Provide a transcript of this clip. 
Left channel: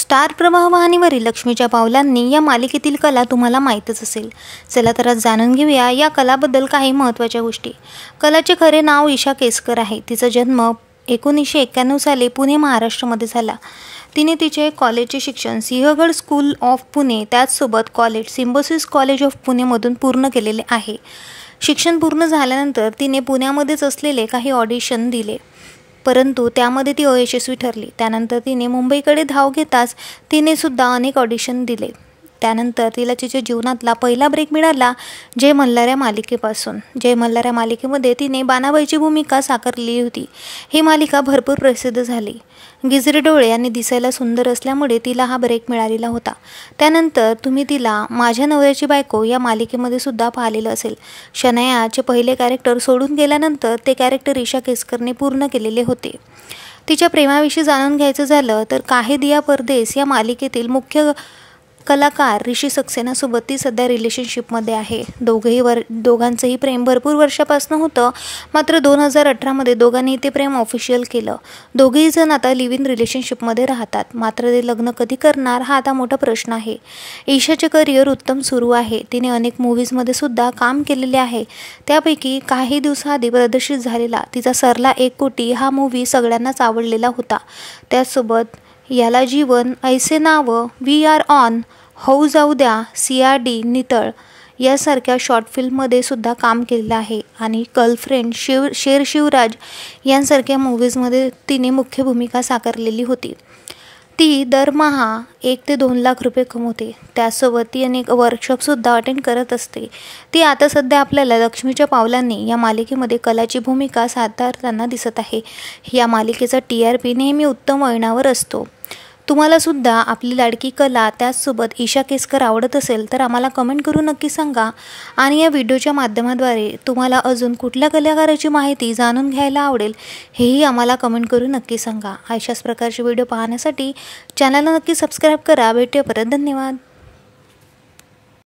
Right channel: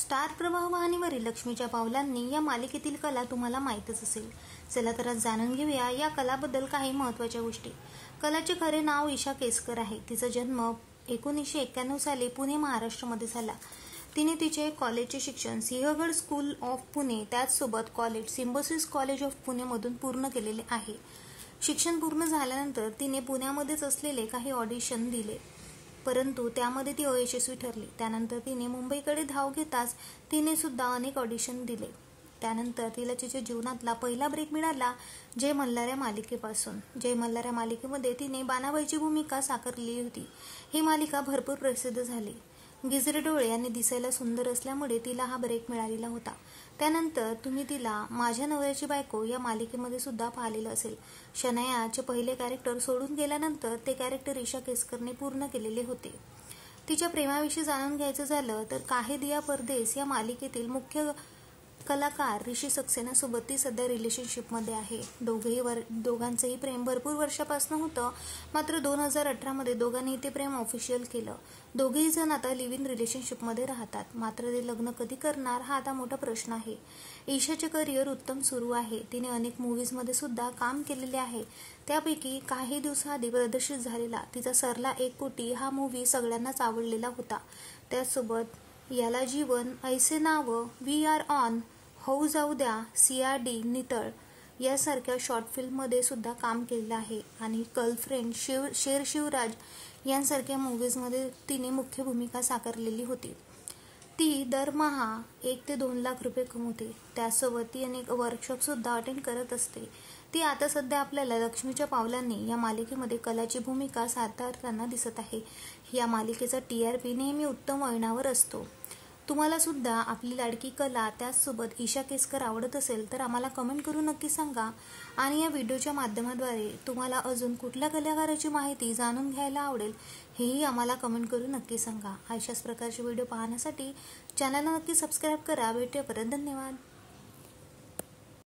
Star प्रवाह वाहिनीवरील लक्ष्मीच्या पावलांनी या मालिकेतील कला तुम्हाला माहीतच असेल। चला तर आज जाणून घेऊया या कलाबद्दल काही महत्त्वाच्या गोष्टी। कलाचे खरे नाव ईशा केसकर आहे। तिचा जन्म 1991 साली पुणे महाराष्ट्रामध्ये झाला। तिने तिचे कॉलेजचे शिक्षण सिंहगड स्कूल ऑफ पुणे त्याचसोबत कॉलेज सिम्बॉसिस कॉलेज ऑफ पुणेमधून पूर्ण केलेले आहे। शिक्षण पूर्ण झाल्यानंतर तिने पुण्यामध्येच असलेले काही ऑडिशन दिले, परंतु त्यामध्ये ती अयशस्वी ठरली। त्यानंतर तिने मुंबईकडे धाव घेताच तिने सुद्धा अनेक ऑडिशन दिले। त्यानंतर तिला तिच्या जीवनातला पहिला ब्रेक मिळाला जय मल्हार मालिकेपासून। जय मल्हार मालिकेमध्ये तिने बाणाबाईची भूमिका साकारली होती। ही मालिका भरपूर प्रसिद्ध झाली। गिजरे डोळे आणि दिसायला सुंदर असल्यामुळे तिला हा ब्रेक मिळालेला होता। त्यानंतर तुम्ही तिला माझ्या नवऱ्याची बायको या मालिकेमध्ये सुद्धा पाहिलेलं असेल। शनायाचे पहिले कॅरेक्टर सोडून गेल्यानंतर ते कॅरेक्टर ईशा केसकरने पूर्ण केलेले होते। तिच्या प्रेमाविषयी जाणून घ्यायचं झालं तर काहे दिया परदेस या मालिकेतील मुख्य कलाकार ऋषी सक्सेनासोबत ती सध्या रिलेशनशिपमध्ये आहे। दोघांचंही प्रेम भरपूर वर्षापासून होतं, मात्र 2018 दोघांनी ते प्रेम ऑफिशियल केलं। दोघेही जण आता लिव्ह इन रिलेशनशिपमध्ये राहतात, मात्र ते लग्न कधी करणार हा आता मोठा प्रश्न आहे। ईशाचे करिअर उत्तम सुरू आहे। तिने अनेक मूव्हीजमध्ये सुद्धा काम केलेले आहे। त्यापैकी काही दिवसाआधी प्रदर्शित झालेला तिचा सरला 1 कोटी हा मूव्ही सगळ्यांनाच आवडलेला होता। त्यासोबत याला जीवन, ऐसे नाव, वी आर ऑन, होऊ जाऊ द्या, CRD, नितळ यासारख्या शॉर्ट फिल्ममध्ये सुद्धा काम केलेलं आहे आणि गर्लफ्रेंड, शेर शिवराज यांसारख्या मूव्हीजमध्ये तिने मुख्य भूमिका साकारलेली होती। ती दरमहा 1 ते 2 लाख रुपये कमवते। त्यासोबत ती अनेक वर्कशॉपसुद्धा अटेंड करत असते। ती आता सध्या आपल्याला लक्ष्मीच्या पावलांनी या मालिकेमध्ये कलाची भूमिका साकारताना दिसत आहे। या मालिकेचा TRP नेहमी उत्तम वळणावर असतो। तुम्हाला सुद्धा आपली लाडकी कला त्याचसोबत ईशा केसकर आवडत असेल तर आम्हाला कमेंट करून नक्की सांगा। आणि या व्हिडिओच्या माध्यमाद्वारे तुम्हाला अजून कुठल्या कलाकाराची माहिती जाणून घ्यायला आवडेल हेही आम्हाला कमेंट करून नक्की सांगा। अशाच प्रकारचे व्हिडिओ पाहण्यासाठी चॅनलला नक्की सबस्क्राईब करा। भेटूया परत, धन्यवाद।